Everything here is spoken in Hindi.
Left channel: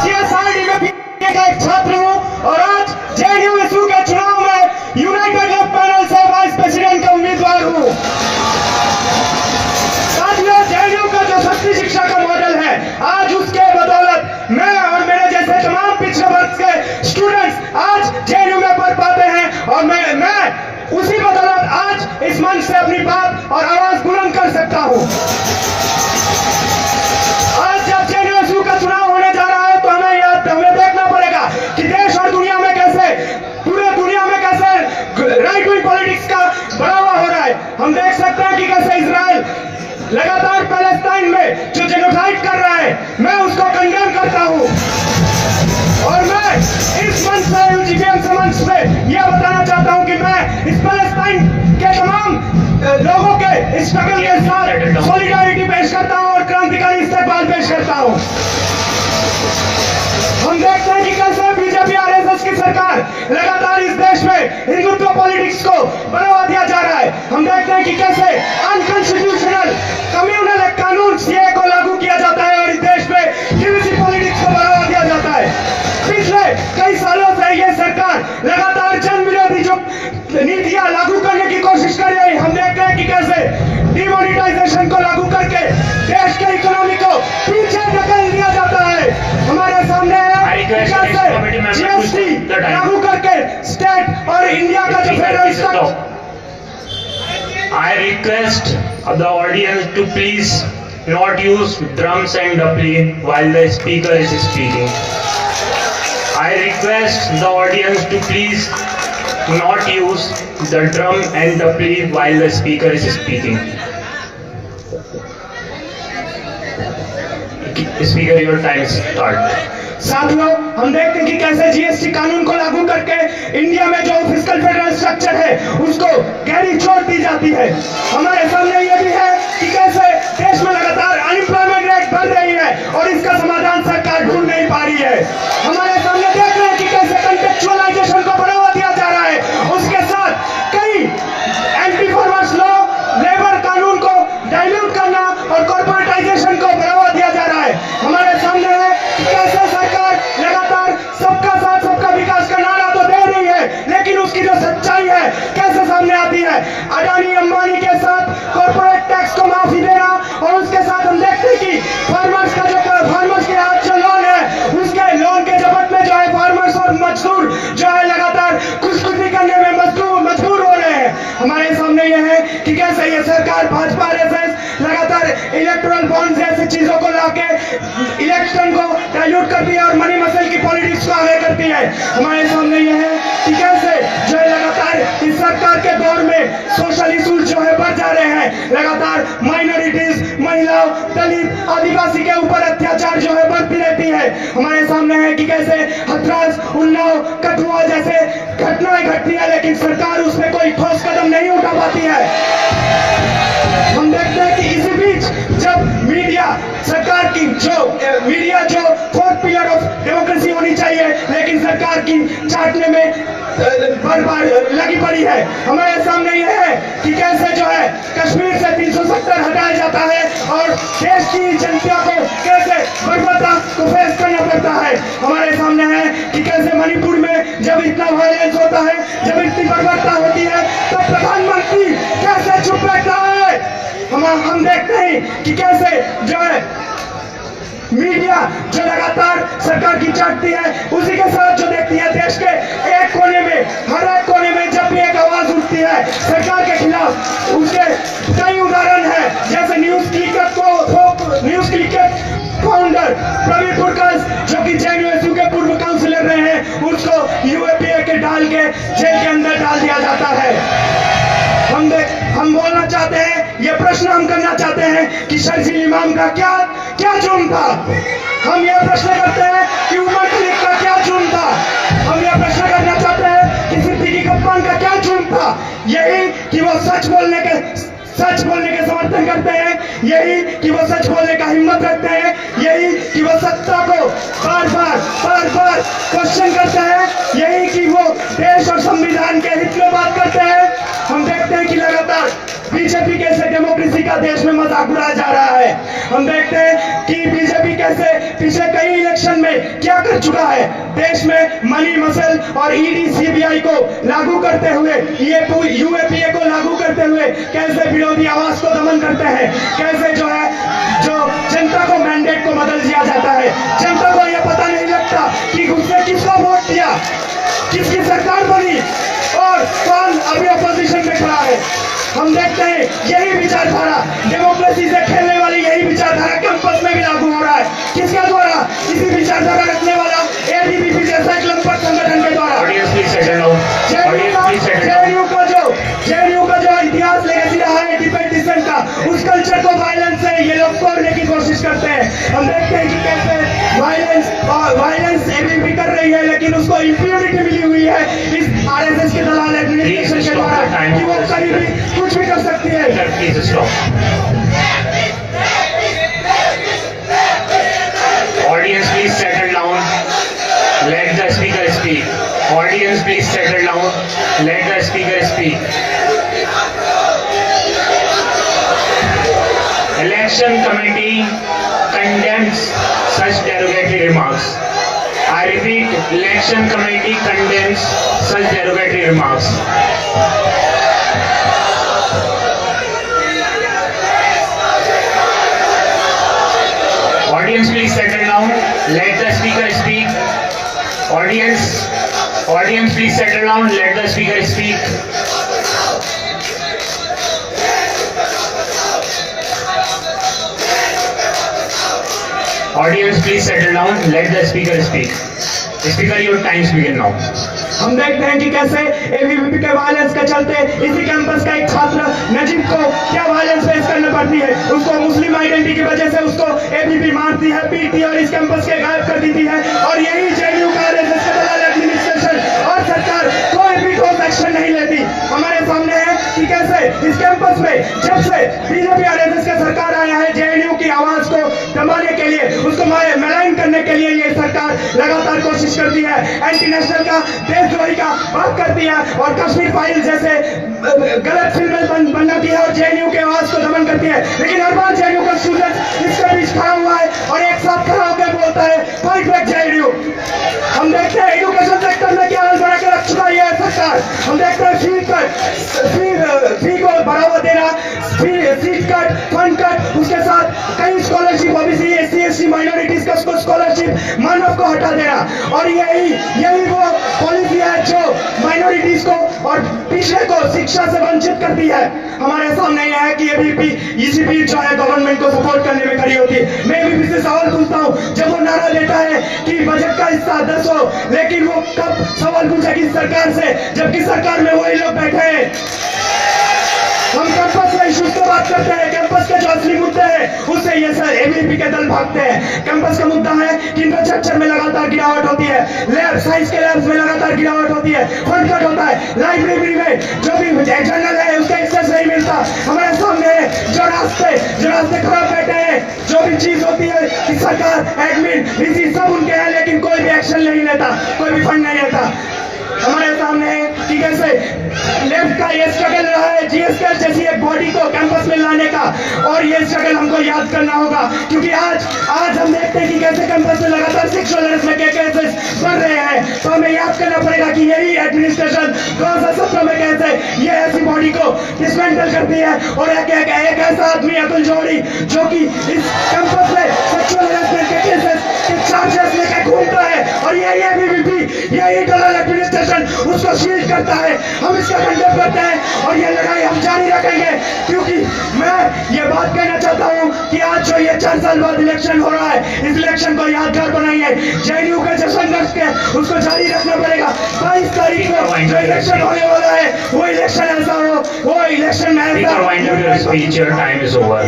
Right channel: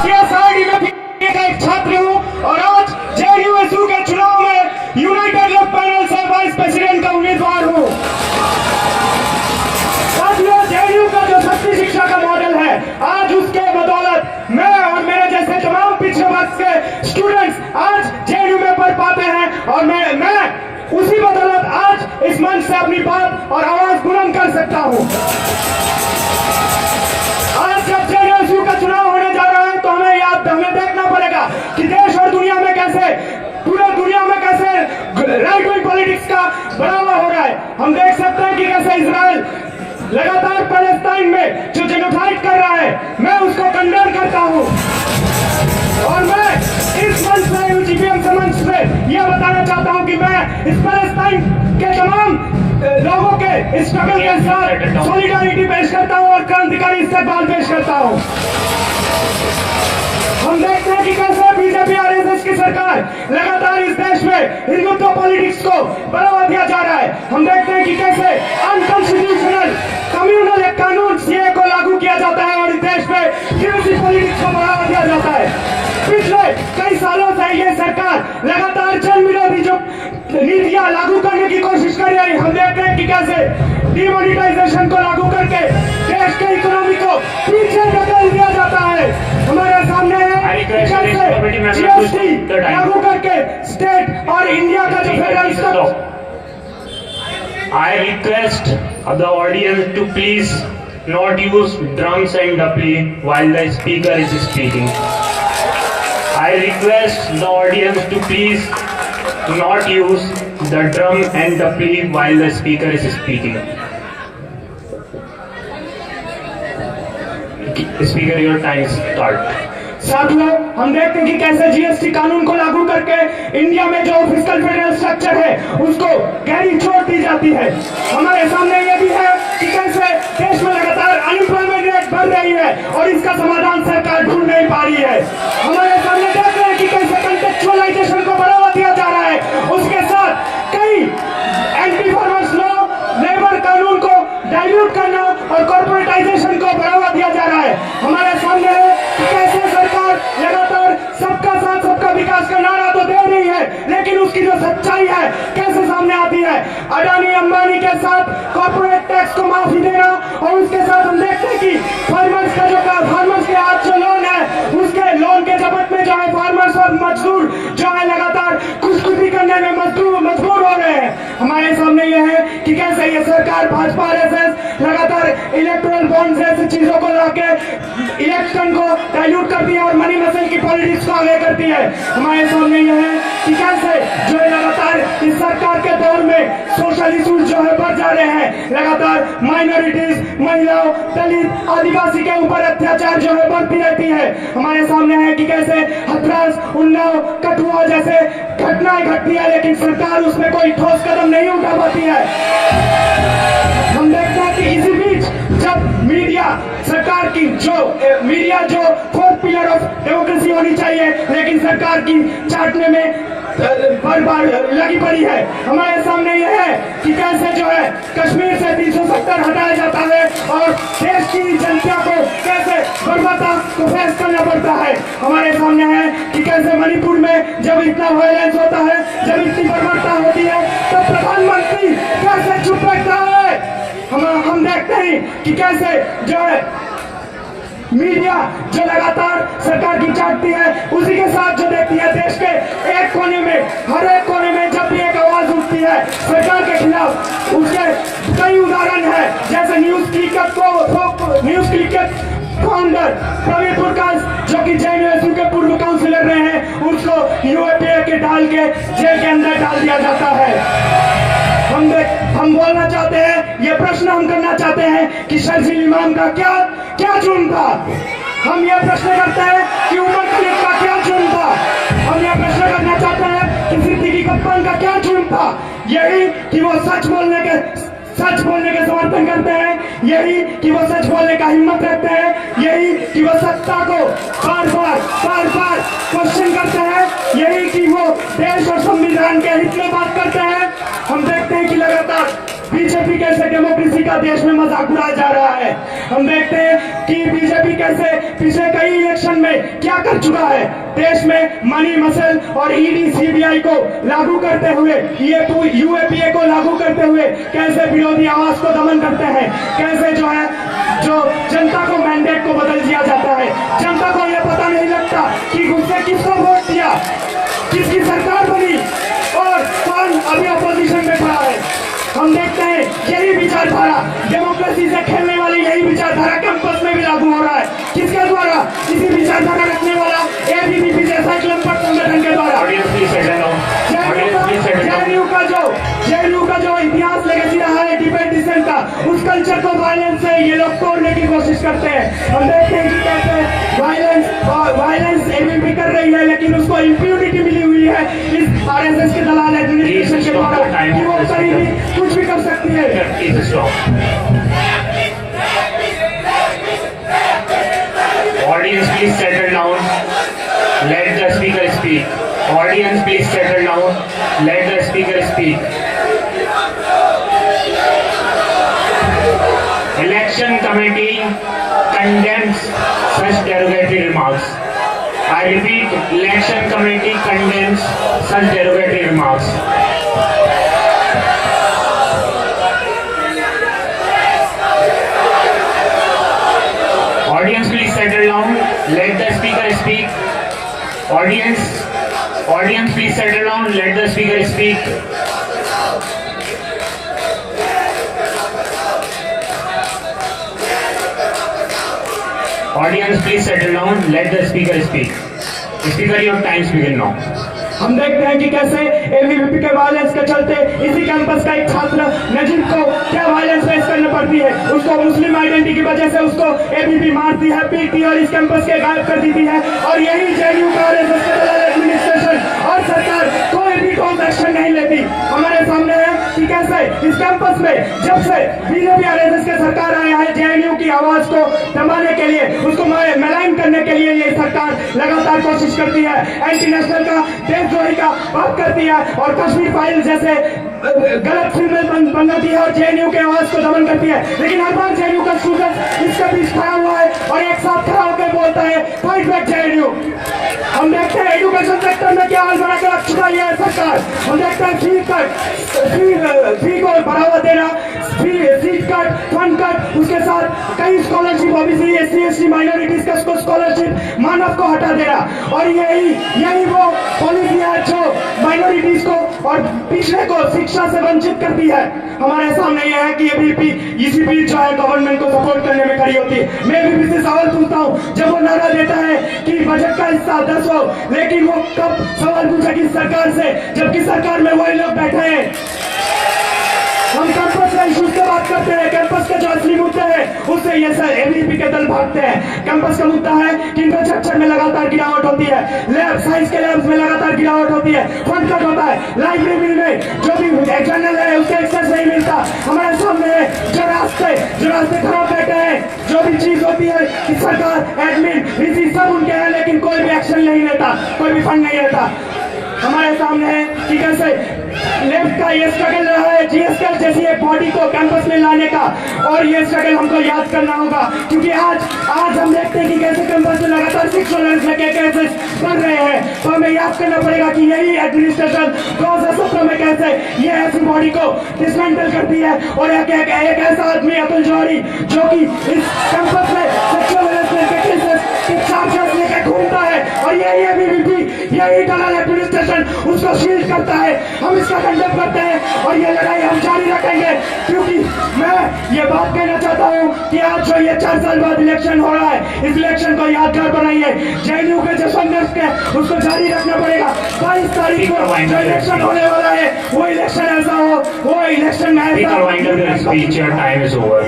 सीएसआरडी में का एक छात्र हूँ और आज जेएनयू के चुनाव में यूनाइटेड लेफ्ट पैनल से वाइस प्रेसिडेंट का उम्मीदवार हूँ। साथियों, जेएनयू का जो शक्ति शिक्षा का मॉडल है, आज उसके बदौलत मैं और मेरे जैसे तमाम पिछड़े वर्ग के स्टूडेंट्स आज जेएनयू में पढ़ पाते हैं और मैं उसी बदौलत आज इस मंच से अपनी बात और आवाज बुलंद कर सकता हूँ। आज जब जेएनयू का चुनाव होने जा रहा है तो हमें देखना पड़ेगा कि देश और दुनिया में कैसे, पूरे दुनिया में कैसे राइट विंग पॉलिटिक्स का बढ़ावा हो रहा है। हम देख सकते हैं कि कैसे इजराइल लगातार पैलेस्टाइन में जो जेनोसाइड कर रहा है, मैं उसको कंडेम करता हूं और मैं इस मंच से, यूजीबीएम मंच से यह बताना चाहता हूं कि मैं इस पैलेस्टाइन के तमाम लोगों के स्ट्रगल के साथ सॉलिडारिटी पेश करता हूं और क्रांतिकारी इस्तेकबाल पेश करता हूं। हम देखते हैं कि कैसे बीजेपी आरएसएस की सरकार लगातार इस देश में हिंदुत्व पॉलिटिक्स को बढ़ावा दिया जा रहा है। हम देखते हैं कि कैसे अनकॉन्स्टिट्यूशनल कम्युनल एक कानून सीए को लागू किया जाता है और इस देश में डीवीसी पॉलिटिक्स को बढ़ावा दिया जाता है। पिछले कई सालों से ये सरकार लगातार जन विरोधी जो नीतियां लागू करने की कोशिश कर रही है। हम देखते हैं कि कैसे डिमोनिटाइजेशन को लागू करके देश के इकोनॉमी को पीछे धकेल दिया जाता है। हमारे सामने है जीएसटी लागू करके स्टेट और इंडिया का जो federal structure. I request the audience to please not use drums and dapli while the speaker is speaking. I request the audience to please not use the drum and dapli while the speaker is speaking. Speaker, your time start. साथियों, हम देखते हैं कि कैसे जीएसटी कानून को लागू करके इंडिया में जो फिस्कल फेडरल स्ट्रक्चर है उसको गहरी चोट दी जाती है। हमारे सामने ये भी है कि कैसे देश में लगातार अनएम्प्लॉयमेंट रेट बढ़ रही है और इसका समाधान सरकार ढूंढ नहीं पा रही है। हमारे सामने देख रहे हैं कि कैसे कंटेक्चुअलाइजेशन को बढ़ावा दिया जा रहा है, उसके साथ कई एंटी फार्मर्स लॉ, लेबर कानून को डाइल्यूट करना और कॉर्पोरेटाइजेशन को बढ़ावा दिया जा रहा है। हमारे सामने है कि कैसे सरकार लगातार सबका साथ सबका विकास का नारा तो दे रही है, लेकिन उसकी जो सच्चाई है कैसे सामने आती है। अडानी अंबानी के साथ कॉर्पोरेट टैक्स को माफी देना और उसके साथ हम देखते हैं कि फार्मर्स के आज जो लोन है उसके लोन के जबत में जो है फार्मर्स और मजदूर जो है लगातार खुदकुशी करने में मजबूर हो रहे हैं। हमारे सामने यह है कि कैसे ये सरकार भाजपा आरएसएस लगातार इलेक्टोरल बॉन्ड जैसी चीजों को लाके इलेक्शन को डाइल्यूट करती है और मनी मसल की पॉलिटिक्स को आगे करती है। हमारे सामने यह है कि कैसे जो है लगातार इस सरकार के दौर में सोशल इशूज जो है बढ़ जा रहे हैं। लगातार माइनॉरिटीज, महिलाओं, दलित, आदिवासी के ऊपर अत्याचार जो है बढ़ती रहती है। हमारे सामने है कि कैसे हथरास, उन्नाव, कठुआ जैसे घटनाएं घटती है, लेकिन सरकार उसमें कोई ठोस कदम नहीं उठा पाती है। हम देखते हैं कि इसी बीच जब मीडिया सरकार की मीडिया जो फोर्थ पिलर ऑफ डेमोक्रेसी होनी चाहिए, लेकिन सरकार की चाटने में बार लगी पड़ी है। हमारे सामने यह है कि कैसे जो है कश्मीर से 370 हटाया जाता है और देश की जनता को कैसे बर्बादा को फेस करना पड़ता है। हमारे सामने है कि कैसे मणिपुर में जब इतना वायलेंस होता है, जब इतनी बर्बादा होती है, तो प्रधानमंत्री कैसे चुप बैठता है। हम देखते हैं कि कैसे जो है मीडिया जो लगातार सरकार की चाटती है, उसी के साथ जो देखती है देश के एक कोने में, हर एक कोने में जब भी एक आवाज उठती है सरकार के खिलाफ, उसके कई उदाहरण है। जैसे न्यूज क्लिक के फाउंडर प्रवीण पुरकाश जो कि जेएनयू के पूर्व काउंसिलर रहे हैं, उसको यूएपीए के डाल के जेल के अंदर डाल दिया जाता है। हम बोलना चाहते हैं, ये प्रश्न हम करना चाहते हैं कि शर्जील इमाम का क्या जुर्म था। हम यह प्रश्न करते हैं कि उमर खलीक का क्या जुर्म था। हम यह प्रश्न करना चाहते हैं कि सिद्दीकी कप्तान का क्या जुर्म था। यही कि वो सच बोलने के समर्थन करते हैं, यही कि वो सच बोलने का हिम्मत रखते हैं, यही कि वो सत्ता को बार बार क्वेश्चन करते हैं, यही कि वो देश और संविधान के हित में बात करते हैं। हम देखते हैं कि लगातार बीजेपी के कैसे डेमोक्रेसी का देश में मजाक उड़ाया जा रहा है। हम देखते हैं कि बीजेपी कैसे पिछले कई इलेक्शन में क्या कर चुका है। देश में मनी मसल और ईडी सीबीआई को लागू करते हुए, यूएपीए को लागू करते हुए कैसे विरोधी आवाज को दमन करते हैं, कैसे जो जनता को मैंडेट को बदल दिया जाता है। जनता को यह पता नहीं लगता कि उसने किसको वोट दिया, किसकी सरकार बनी और कौन अभी अपोजिशन में खड़ा है। हम देखते हैं यही विचारधारा, डेमोक्रेसी से खेलने वाली यही विचारधारा कैंपस में भी लागू हो रहा है। किसके द्वारा? इसी विचारधारा रखने वाला एबीवीपी जैसा एक लंपट संगठन के द्वारा। जेएनयू का जो इतिहास लेगेसी रहा है डिबेट डिसेंट का, उस कल्चर को वायलेंस से ये लोग तोड़ने की कोशिश करते हैं। हम देखते हैं कि कैसे वायलेंस एबीवीपी कर रही है, लेकिन उसको इंप्यूनिटी मिली हुई है इस आरएसएस के दलाल एडमिनिस्ट्रेशन के द्वारा कि वो कहीं भी कुछ भी कर सकती है। Audience, please settle down. Let the speaker speak. Audience, please settle down. Let the speaker speak. Election committee condemns such derogatory remarks. I repeat, election committee condemns such derogatory remarks. Audience, please settle down. Let the speaker speak. Audience, please settle down. Let the speaker speak. Audience, please settle down. Let the speaker speak. Speaker, your time begin now. हम देखते हैं कि कैसे एबीवीपी के वायलेंस के चलते इसी कैंपस का एक छात्र नजीब को क्या वायलेंस फेस करनी पड़ती है। उसको मुस्लिम आइडेंटिटी की वजह से उसको एबीवीपी मारती है, पीटी और इस कैंपस के गायब कर देती है। और यही जेएनयू का आरएसएस के दलाल एडमिनिस्ट्रेशन और सरकार कोई भी ठोस एक्शन नहीं लेती। हमारे सामने है कि कैसे इस कैंपस में जब से बीजेपी आरएसएस की सरकार आया है, जेएनयू की आवाज को दबाने के लिए, उसको मेलाइन करने के लिए ये सरकार लगातार कोशिश करती है। एंटी नेशनल का, देशद्रोही का बात करती है और कश्मीर फाइल जैसे गलत फिल्में बनाती है और जेएनयू के आवाज को दमन करती है। लेकिन हर बार जेएनयू का स्टूडेंट इसके बीच खड़ा हुआ है और एक साथ खड़ा होकर बोलता है फाइट बैक जेएनयू। हम देखते हैं एजुकेशन सेक्टर में क्या हाल बना के रख चुका है सरकार। हम देखते हैं फी को बढ़ावा देना, सीट कट, फंड कट, उसके साथ कई scholarship OBC, SC, ST, minorities का स्कॉलरशिप मानव को हटा देना। और यही वो पॉलिसी है जो माइनॉरिटीज को और पिछड़े को शिक्षा से वंचित करती है। हमारे सामने यह है कि एबीवीपी इसी बीच जो है गवर्नमेंट को सपोर्ट करने में खड़ी होती है। मैं एबीवीपी से सवाल पूछता हूँ, जब वो नारा देता है कि बजट का हिस्सा 10 हो, लेकिन वो कब सवाल पूछेगी सरकार से जबकि सरकार में वही लोग बैठे हैं। हम कैंपस के इश्यूज की बात करते हैं, कैंपस के जो असली मुद्दे हैं उससे ये सर एबीवीपी के दल भागते हैं। कैंपस का मुद्दा है कि इंफ्रास्ट्रक्चर में लगातार गिरावट होती है, लैब साइंस के लैब्स में लगातार गिरावट होती है, फंड कट होता है, लाइब्रेरी में जो भी जर्नल है उसका एक्सेस नहीं मिलता। हमारे सामने जो रास्ते खराब बैठे हैं, जो भी चीज होती है कि सरकार एडमिन वीसी सब उनके हैं, लेकिन कोई भी एक्शन नहीं लेता, कोई भी फंड नहीं लेता। हमारे सामने है कि कैसे लेफ्ट का ये स्ट्रगल रहा है जीएसके जैसी एक बॉडी को कैंपस में लाने का, और ये स्ट्रगल हमको याद करना होगा क्योंकि आज हम देखते हैं कि कैसे कैंपस में लगातार सेक्सुअल हैरेसमेंट के केसेस बढ़ रहे हैं। तो हमें याद करना पड़ेगा कि यही एडमिनिस्ट्रेशन 2017 में कैसे ये ऐसी बॉडी को डिसमेंटल करती है और एक ऐसा आदमी अतुल जौहरी जो कि इस कैंपस में सेक्सुअल हैरेसमेंट के केसेस के चार्जेस लेकर घूमता है और यही दलाल एडमिनिस्ट्रेशन उसको शील्ड करता है। हम इसका कंडेम करते हैं और ये लड़ाई हम जारी रखेंगे क्योंकि मैं ये बात कहना चाहता हूँ कि आज जो ये 4 साल बाद इलेक्शन हो रहा है, इस इलेक्शन को यादगार बनाइए। जेएनयू के जो संघर्ष के उसको जारी रखना पड़ेगा। 22 तारीख को जो इलेक्शन होने वाला है वो इलेक्शन ऐसा हो, वो इलेक्शन में speaker, wind up your speech, your time is over.